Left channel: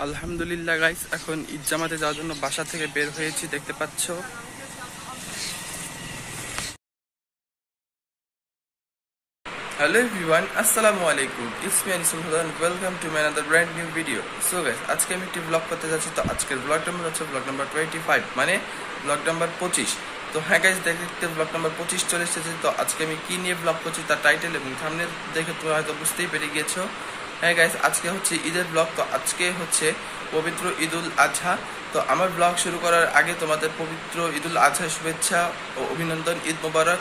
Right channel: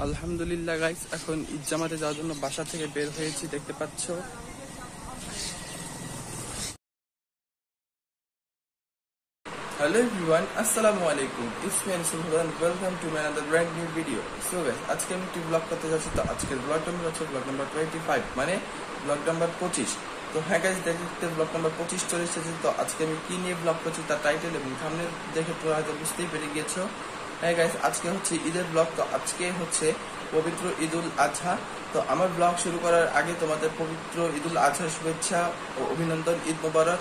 আলহামদুলিল্লাহ গাইস, এখন ঈদ জামাতে যাওয়ার জন্য বাসা থেকে বের হয়েছি, দেখতে পাচ্ছ। হ্যালো এভরিওয়ান, আসসালামু আলাইকুম। It's me Sultan, welcome to my another brand new video. So guys, আজকে আমি একটি ব্লগ করতে যাচ্ছি। তো আজকের ব্লগ নাম্বার হচ্ছে ব্লগ নাম্বার 25, মানে ব্লগ নাম্বার 25। তো হ্যাঁ গাইস, দেখতে ব্লগ নাম্বার 25 চলে এসেছে। তো আজকে আমি কি নিয়ে ব্লগ করছি তার টাইটেল এবং থাম্বনেল দেখে তোমরা হয়তো বুঝতেই পেরে গিয়েছো। হ্যাঁ গাইস, আজকে হচ্ছে ঈদের ব্লগ। তো আজকে হচ্ছে পবিত্র ঈদুল আজহা। তো আমার ব্লগ শুরু করার আগে তোমাদের পবিত্র ঈদুল আজহার শুভেচ্ছা ও অভিনন্দন, ঈদ মোবারক।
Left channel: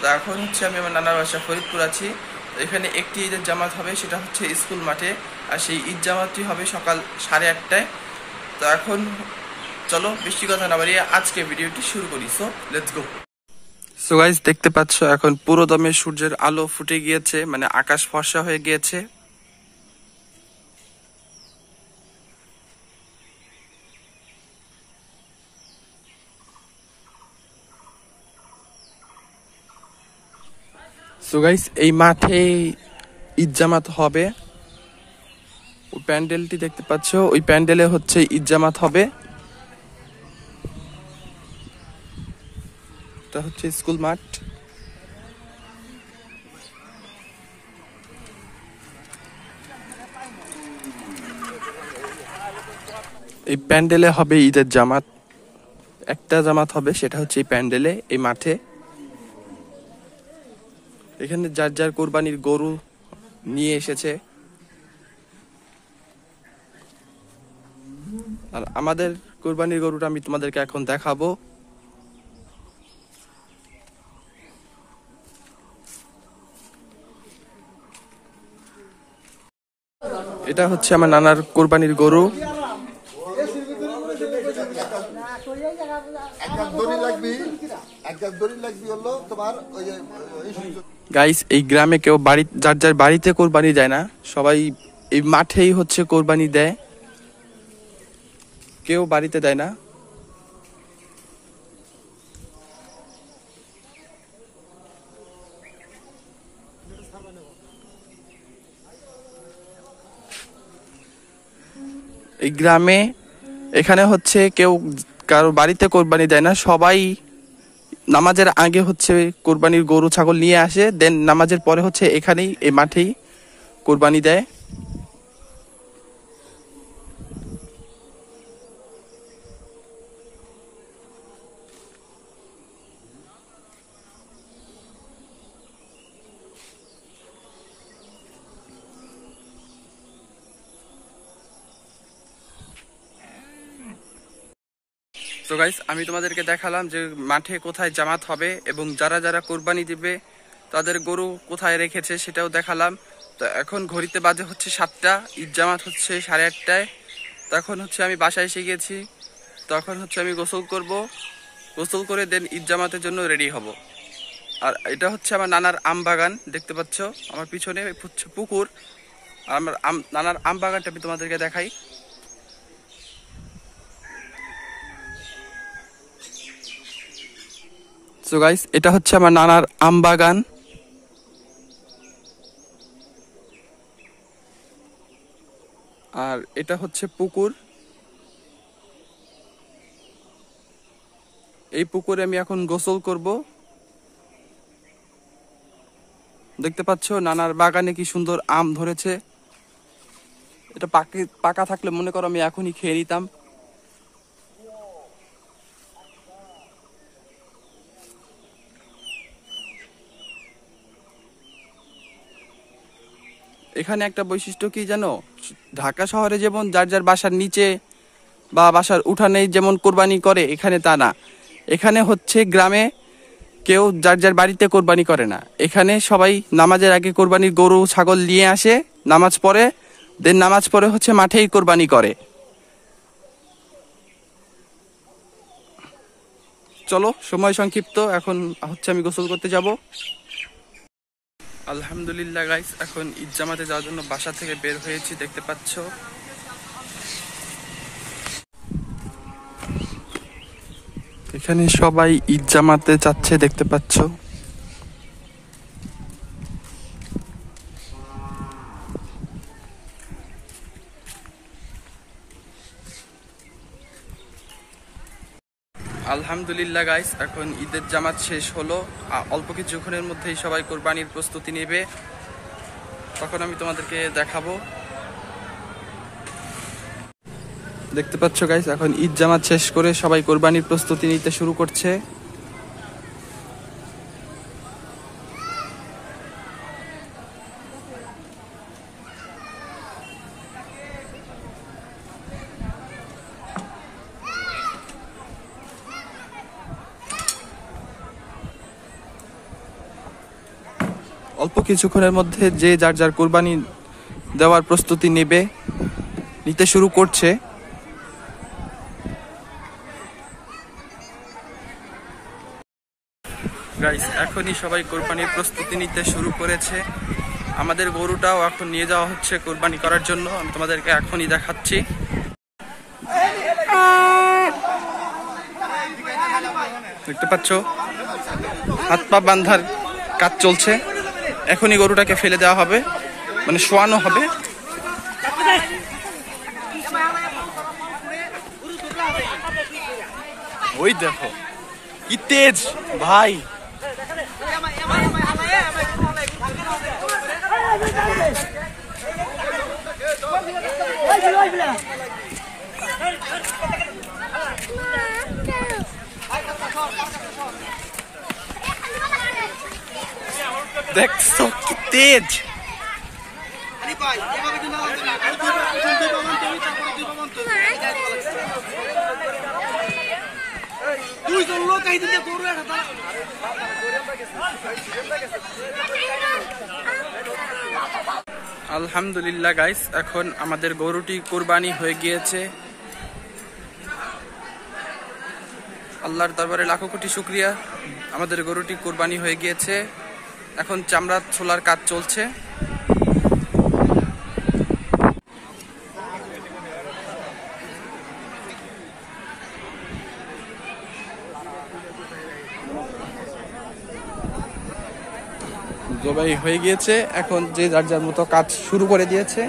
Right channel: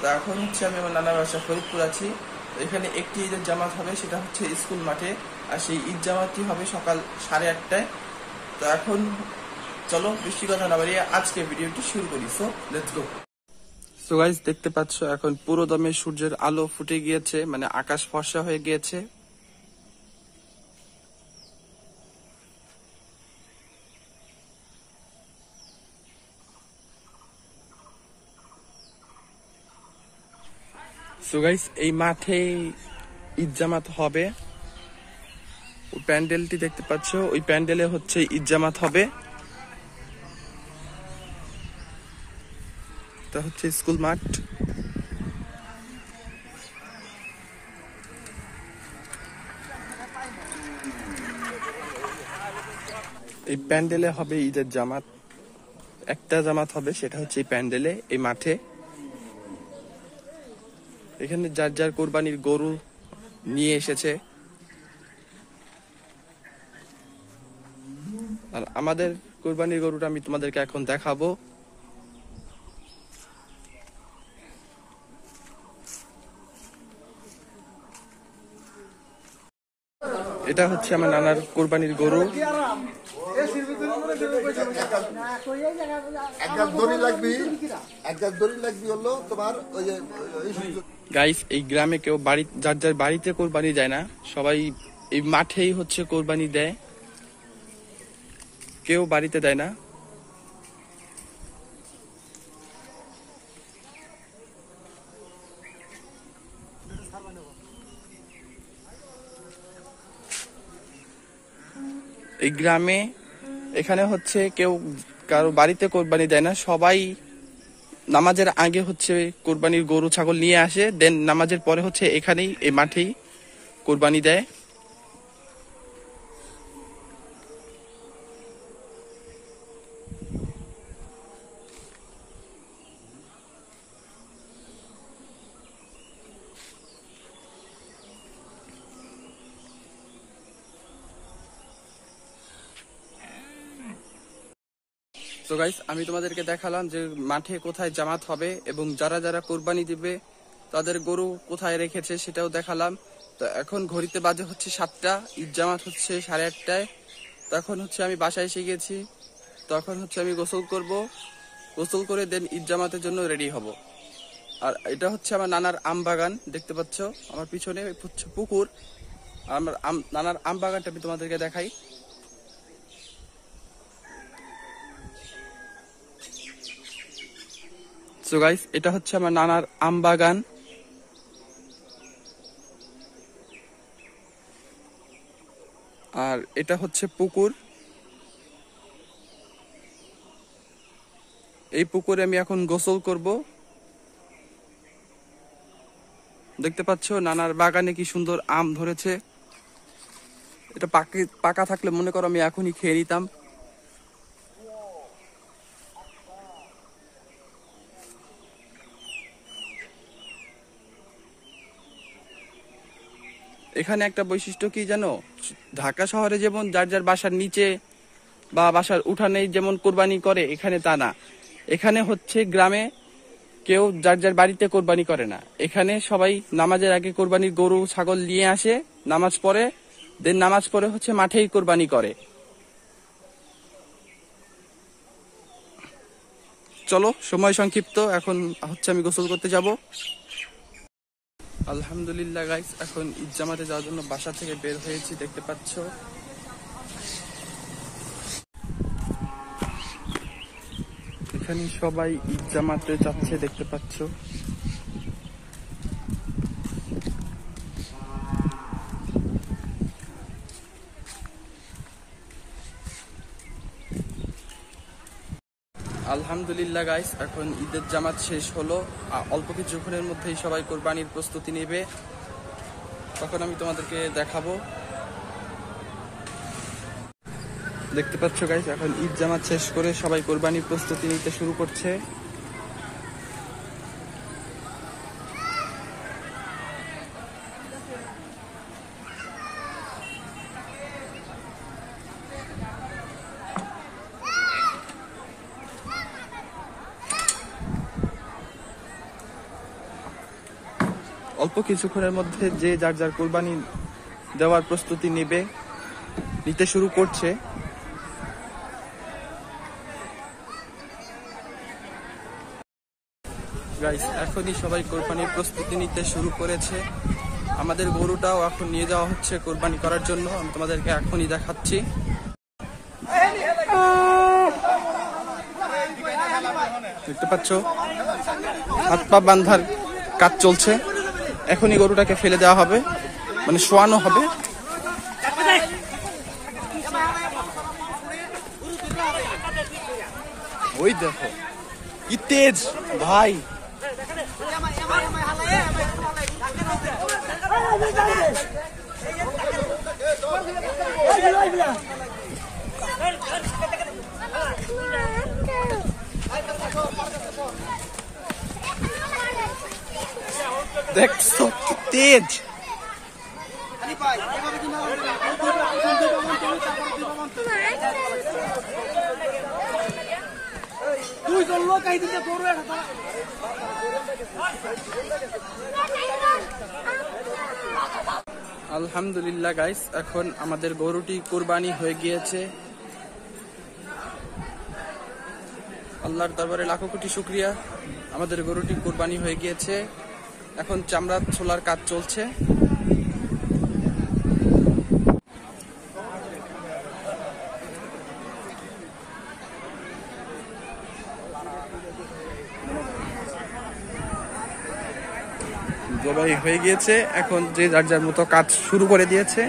তো এখন হচ্ছে আমি আমার নানার বাসা ফরিদপুর আছি। তো এখানে একটি ঈদের জামাত হবে, সেটা হচ্ছে স্কুল মাঠে। আর সেই ঈদ জামাতটি হবে সকাল 8:30টায়। তো এখন চলো বেশি কথা না বাড়িয়ে আজকে ভিডিওটি শুরু করি। So let's go. So guys, দেখতে পাচ্ছ এখন পুরো দমে সূর্যের আলো ফুটে গিয়েছে, মানে আকাশ ফর্সা হয়ে গিয়েছে। সো গাইস, এই মাঠে ঈদ জামাত হবে। ওই প্যান্ডেলটি দেখতে পাচ্ছ, ওই প্যান্ডেলে হচ্ছে ঈদ জামাত হবে। এটা হচ্ছে স্কুল মাঠ। এই প্যান্ডেলে হবে ঈদের জামাত। একটা জামাত হবে, সেটা হচ্ছে এই প্যান্ডেলে, এই মাঠে। এখানে যার যার কোরবানির গরু নিয়ে এসেছে। আর আমাদের কোরবানির গরুটা আমি তোমাদেরকে এখন দেখাবো। এটা হচ্ছে আমার নানার কোরবানির গরু। গাইস, এই গ্রামে কেউ বাড়ি যার যার বাড়িতে কোরবানি দেয় না, সবাই এই মাঠেই হচ্ছে কোরবানি দেয়, কেউ বাড়িতে দেয় না। এই গ্রামে এখানে হচ্ছে কেউ কারো বাড়িতে কোরবানি দেয় না, সবাই নামাজের আগে হচ্ছে কোরবানির গরু ছাগল নিয়ে আসে, দেন নামাজের পরে হচ্ছে এখানেই এই মাঠেই কোরবানি দেয়। তো গাইস, আমি তোমাদেরকে দেখালাম যে মাঠে কোথায় জামাত হবে এবং যারা যারা কোরবানি দিবে তাদের গরু কোথায় রেখেছে সেটাও দেখালাম। তো এখন ঘড়িতে বাজে হচ্ছে 7টা, ঈদ জামাত হচ্ছে 8:30টায়। তখন হচ্ছে আমি বাসায় এসে গেছি। তখন হচ্ছে আমি গোসল করব, গোসল করে দেন ঈদ জামাতের জন্য রেডি হব। আর এটা হচ্ছে আমার নানার আম বাগান, দেখতে পাচ্ছ আমার পিছনে হচ্ছে পুকুর। আর আমার নানার আম বাগানটা আমি তোমাদেরকে দেখাই। সো গাইস, এটা হচ্ছে আমার নানার আম বাগান। আর এটা হচ্ছে পুকুর। এই পুকুরে আমি এখন গোসল করব। দেখতে পাচ্ছ নানার বাগানে কি সুন্দর আম ধরেছে। এটা পাকা থাকলে মনে করো আমি এখনই খেয়ে নিতাম। এখানে একটা বৈশিষ্ট্য কি জানো, ঢাকা শহরে যেমন যার যার বাসার নিচে বা বাসার উঠানে যেমন কোরবানি করে, এখানে তা না। এখানে হচ্ছে গ্রামে কেউ যার যার বাড়িতে কোরবানি করে না। এখানে সবাই নামাজের আগে কোরবানির গরু ছাগল নিয়ে আসে, নামাজ পড়ে, দেন নামাজ পড়ে হচ্ছে মাঠেই কোরবানি করে। চলো, সময় সংক্ষিপ্ত, এখন হচ্ছে আমি গোসল করতে যাব। আলহামদুলিল্লাহ গাইস, এখন ঈদ জামাতে যাওয়ার জন্য বাসা থেকে বের হয়েছি, দেখতে পাচ্ছ। এখানে সবাই ঈদ জামাতে যাচ্ছে, দেখতে পাচ্ছ। আলহামদুলিল্লাহ গাইস, এখন ঈদের জামাত শেষ হলো। অল্প কিছুক্ষণের মধ্যেই সবাই কোরবানির প্রস্তুতি নেবে, তখন আমি তোমাদেরকে দেখাবো। দেখতে পাচ্ছ গাইস, এখন ঈদ জামাত শেষ করে সবাই কোরবানির প্রস্তুতি নিতে শুরু করছে। অল্প কিছুক্ষণের মধ্যে যে যার যার কোরবানি দেওয়ার প্রস্তুতি নিতে শুরু করছে। গাইস, এখনই সবাই কোরবানির প্রস্তুতি নিতে শুরু করেছে। আমাদের গরুটাও এখন নিয়ে যাওয়া হচ্ছে কোরবানি করার জন্য। আমি তোমাদেরকে এখনই দেখাচ্ছি। দেখতে পাচ্ছ, হাত পা বাঁধার কাজ চলছে। এখনই গরুটাকে ফেলে দেওয়া হবে, মানে শোয়ানো হবে। ওই দেখো কি তেজ ভাই। দেখছো কি তেজ। আলহামদুলিল্লাহ গাইস, এখন আমাদের গরুটি কোরবানি হয়ে গিয়েছে। আল্লাহর দরবারে লাখো কোটি শুকরিয়া, আমাদের গরুটি কোরবানি হয়ে গিয়েছে। এখন চামড়া ছোলার কাজ চলছে। জবাই হয়ে গিয়েছে, এখন যে যার যার মতো কাজ শুরু করে দিয়েছে।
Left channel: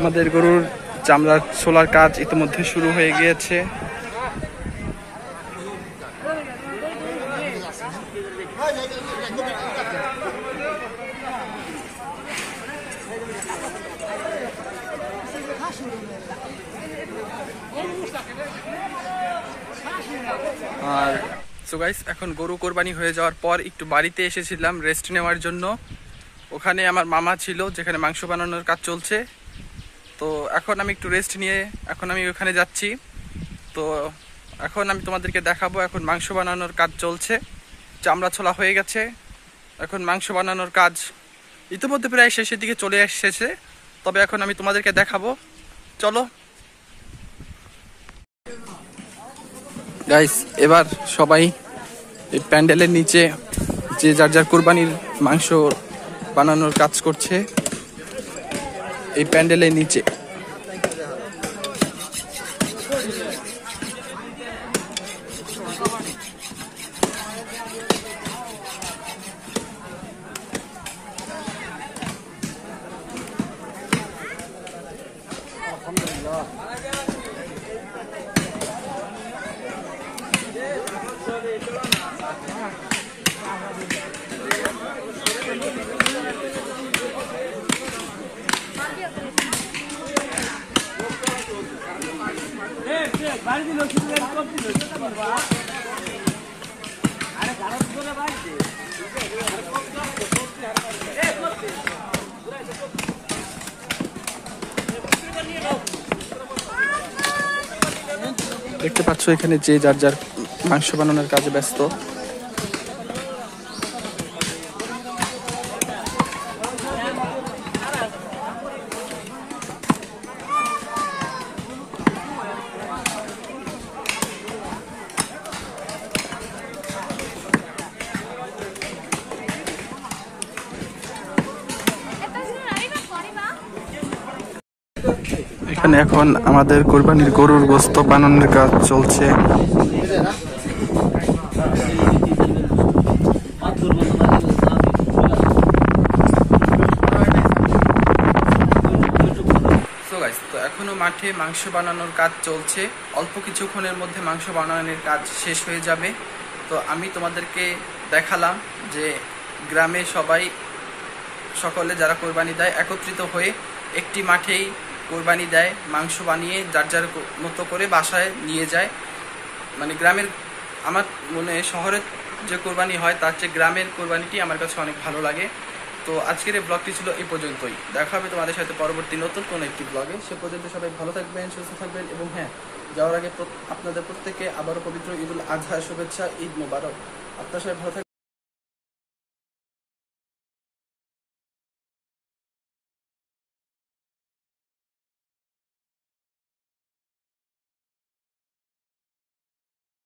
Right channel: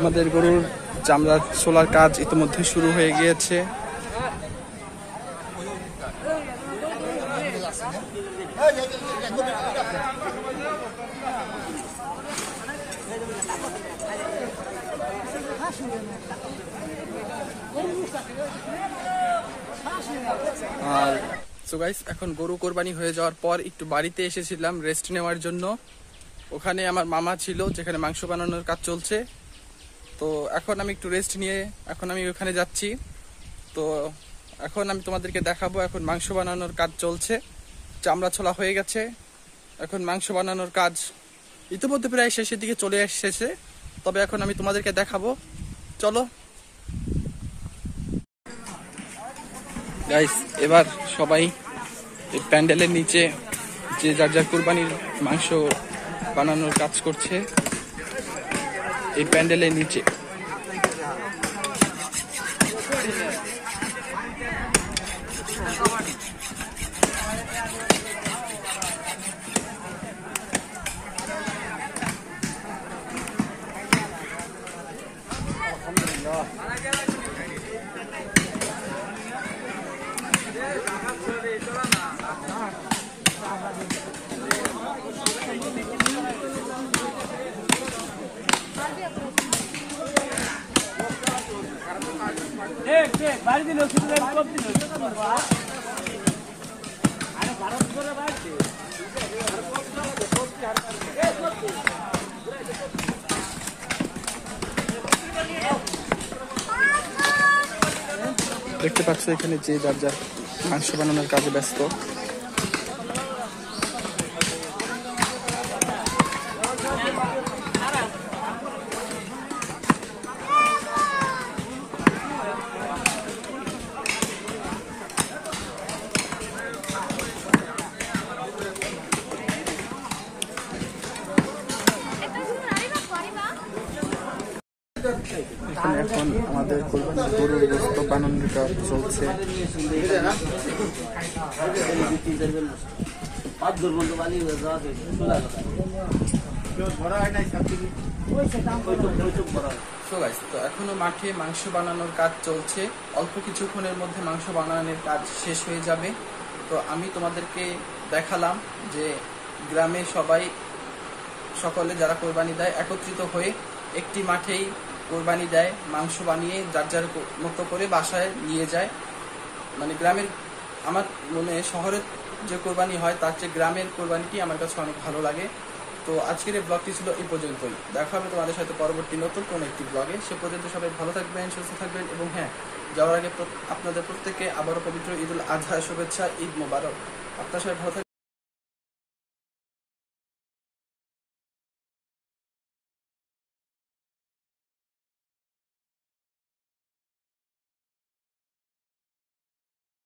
আমাদের গরুর চামড়ার ছোলার কাজ ইতিমধ্যে শুরু হয়ে গিয়েছে। আর সো গাইস, এখন গরু কোরবানি হয়ে যাওয়ার পর একটু বাড়িতে এসেছিলাম রেস্ট নেওয়ার জন্য। ওখানে আমার মামা ছিল, যেখানে মাংস বানানোর কাজ চলছে। তো এখন আমি একটু রেস্ট নিয়ে এখন আমি ওখানে যাচ্ছি। তো এখন আমি তোমাদেরকে দেখাবো, এখন মাংস বানানোর কাজ চলছে। চামড়া ছোলা হয়ে গেছে, এখন মাংস বানানোর কাজ ইতিমধ্যে প্রায় শেষের দিকে চলে এসেছে। তবে এখন আমি তোমাদেরকে দেখাবো, চলো গাইস। এবার সবাই এই প্যান্ডেলের নিচে যে যার যার কুরবানির মাংস বানানোর কাজ করছে, এই প্যান্ডেলের নিচে। দেখতে পাচ্ছ এখানে যে যার যার মাংস বানানোর কাজে ব্যস্ত। এখানে এখন আমাদের কোরবানির গরুর গোশত বানানোর কাজ চলছে। তো এখনো মাঠে মাংস বানানোর কাজ চলছে, অল্প কিছুক্ষণের মধ্যে মাংস বানানোর কাজ শেষ হয়ে যাবে। তো আমি তোমাদেরকে দেখালাম যে গ্রামে সকলে যারা কোরবানি দেয় একত্রিত হয়ে একটি মাঠেই কোরবানি দেয়, মাংস বানিয়ে যার যার মতো করে বাসায় নিয়ে যায়। মানে গ্রামের, আমার মনে শহরের যে কোরবানি হয় তার চেয়ে গ্রামের কোরবানিটি আমার কাছে অনেক ভালো লাগে। তো আজকের এই ব্লগটি ছিল এই পর্যন্তই। দেখা হবে তোমাদের সাথে পরবর্তী নতুন কোনো একটি ব্লগে। সে পর্যন্ত সবাই ভালো থাকবেন, সুস্থ থাকবেন এবং হ্যাঁ, যাওয়ার আগে আপনাদের প্রত্যেককে আবারও পবিত্র ঈদুল আজহা শুভেচ্ছা, ঈদ মোবারক। আপনারা সবাই ভালো থাকবেন।